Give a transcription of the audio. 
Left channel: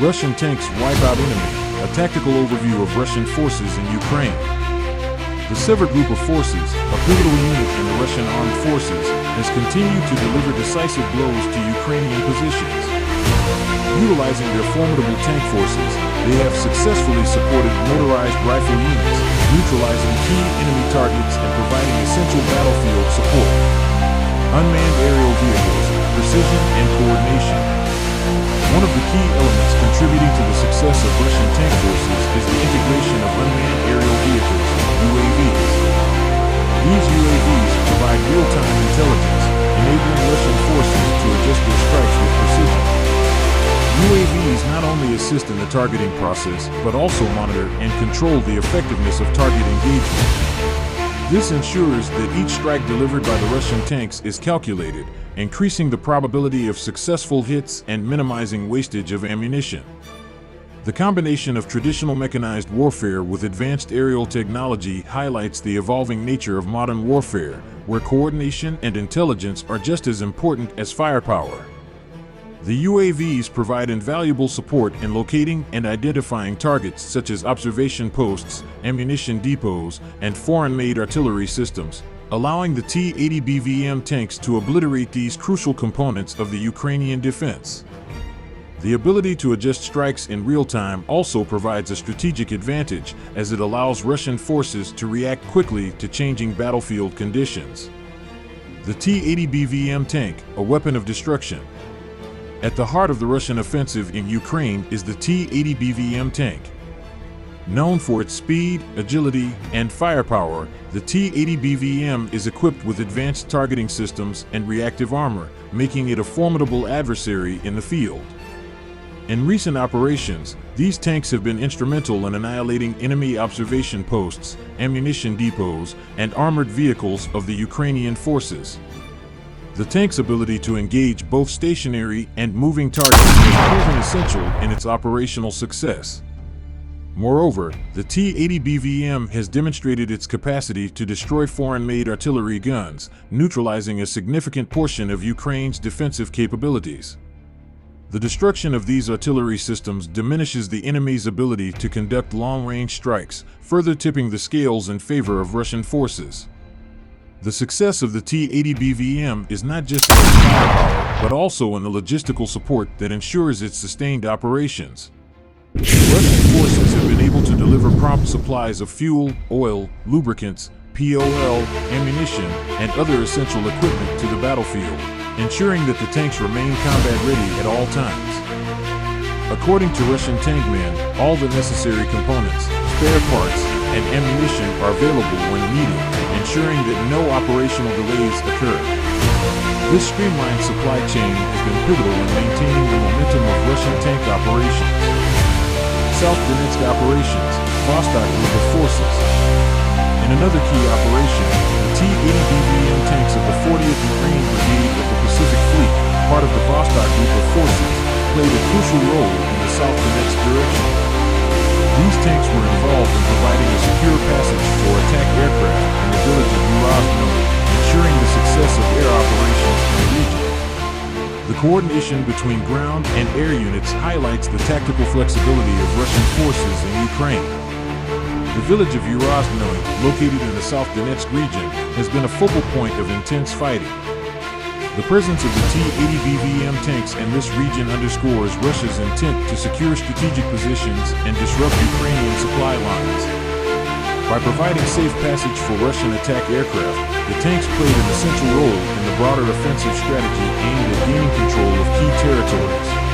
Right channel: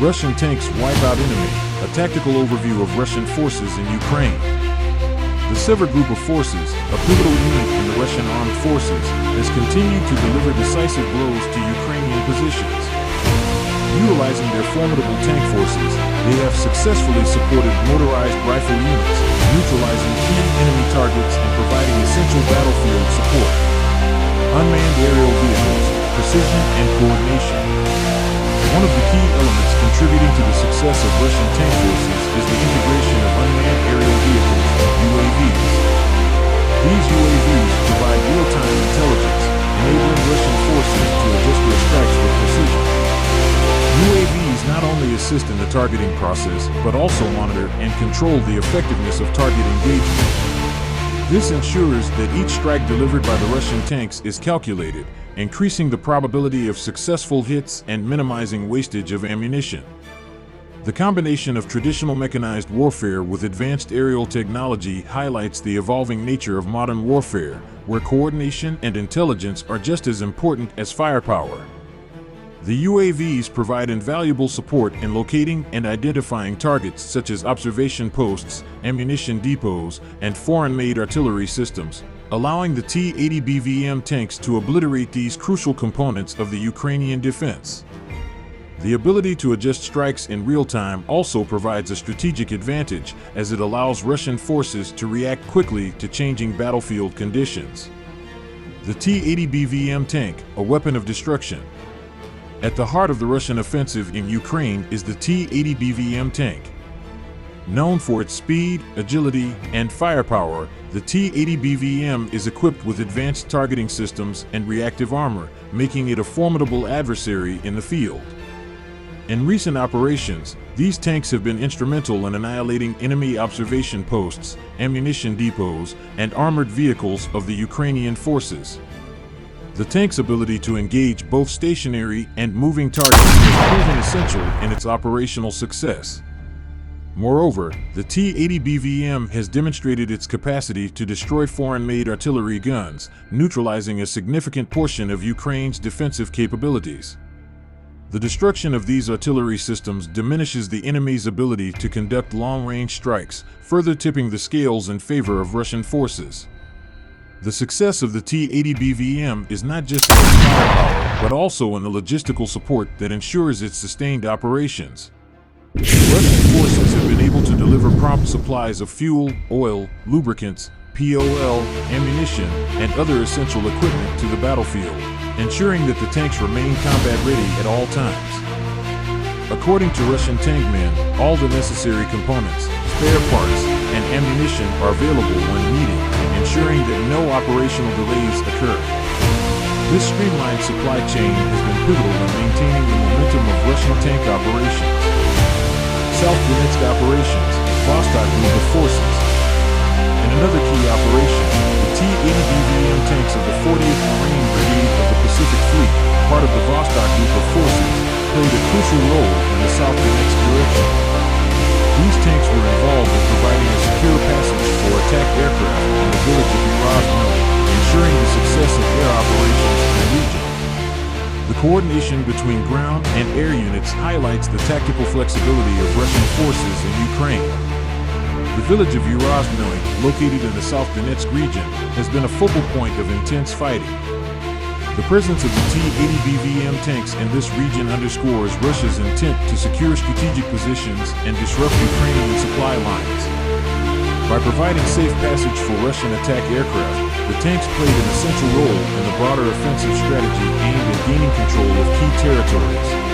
Russian tanks wipe out enemy, a tactical overview of Russian forces in Ukraine. The Sever group of forces, a pivotal unit in the Russian armed forces, has continued to deliver decisive blows to Ukrainian positions. Utilizing their formidable tank forces, they have successfully supported motorized rifle units, neutralizing key enemy targets and providing essential battlefield support. Unmanned aerial vehicles, precision and coordination. One of the key elements contributing to the success of Russian tank forces is the integration of unmanned aerial vehicles, UAVs. These UAVs provide real-time intelligence, enabling Russian forces to adjust their strikes with precision. UAVs not only assist in the targeting process, but also monitor and control the effectiveness of target engagement. This ensures that each strike delivered by the Russian tanks is calculated, increasing the probability of successful hits and minimizing wastage of ammunition. The combination of traditional mechanized warfare with advanced aerial technology highlights the evolving nature of modern warfare, where coordination and intelligence are just as important as firepower. The UAVs provide invaluable support in locating and identifying targets such as observation posts, ammunition depots, and foreign-made artillery systems, allowing the T-80 tanks to obliterate these crucial components of the Ukrainian defense. The ability to adjust strikes in real time also provides a strategic advantage, as it allows Russian forces to react quickly to changing battlefield conditions. The T-80 tank, a weapon of destruction. At the heart of the Russian offensive in Ukraine is the T-80 tank. Known for its speed, agility, and firepower, the T-80 is equipped with advanced targeting systems and reactive armor, making it a formidable adversary in the field. In recent operations, these tanks have been instrumental in annihilating enemy observation posts, ammunition depots, and armored vehicles of the Ukrainian forces. The tank's ability to engage both stationary and moving targets has proven essential in its operational success. Moreover, the T-80 has demonstrated its capacity to destroy foreign-made artillery guns, neutralizing a significant portion of Ukraine's defensive capabilities. The destruction of these artillery systems diminishes the enemy's ability to conduct long-range strikes, further tipping the scales in favor of Russian forces. The success of the T-80 is not just in its firepower, but also in the logistical support that ensures its sustained operations. Russian forces have been able to deliver prompt supplies of fuel, oil, lubricants, POL, ammunition, and other essential equipment to the battlefield, ensuring that the tanks remain combat-ready at all times. According to Russian tank men, all the necessary components, spare parts, and ammunition are available when needed, ensuring that no operational delays occur. This streamlined supply chain has been pivotal in maintaining the momentum of Russian tank operations. South Donetsk operations, Vostok group of forces. In another key operation, the T-80 tanks of the 40th Marine Brigade of the Pacific Fleet, part of the Vostok group of forces, played a crucial role in the South Donetsk direction. These tanks were involved in providing a secure passage for attack aircraft in the village of Ukrainian, ensuring the success of air operations in the region. The coordination between ground and air units highlights the tactical flexibility of Russian forces in Ukraine. The village of Ukrainian, located in the South Donetsk region, has been a focal point of intense fighting. The presence of the T-80 tanks in this region underscores Russia's intent to secure strategic positions and disrupt Ukrainian supply lines. By providing safe passage for Russian attack aircraft, the tanks played an essential role in the broader offensive strategy aimed at gaining control of key territories.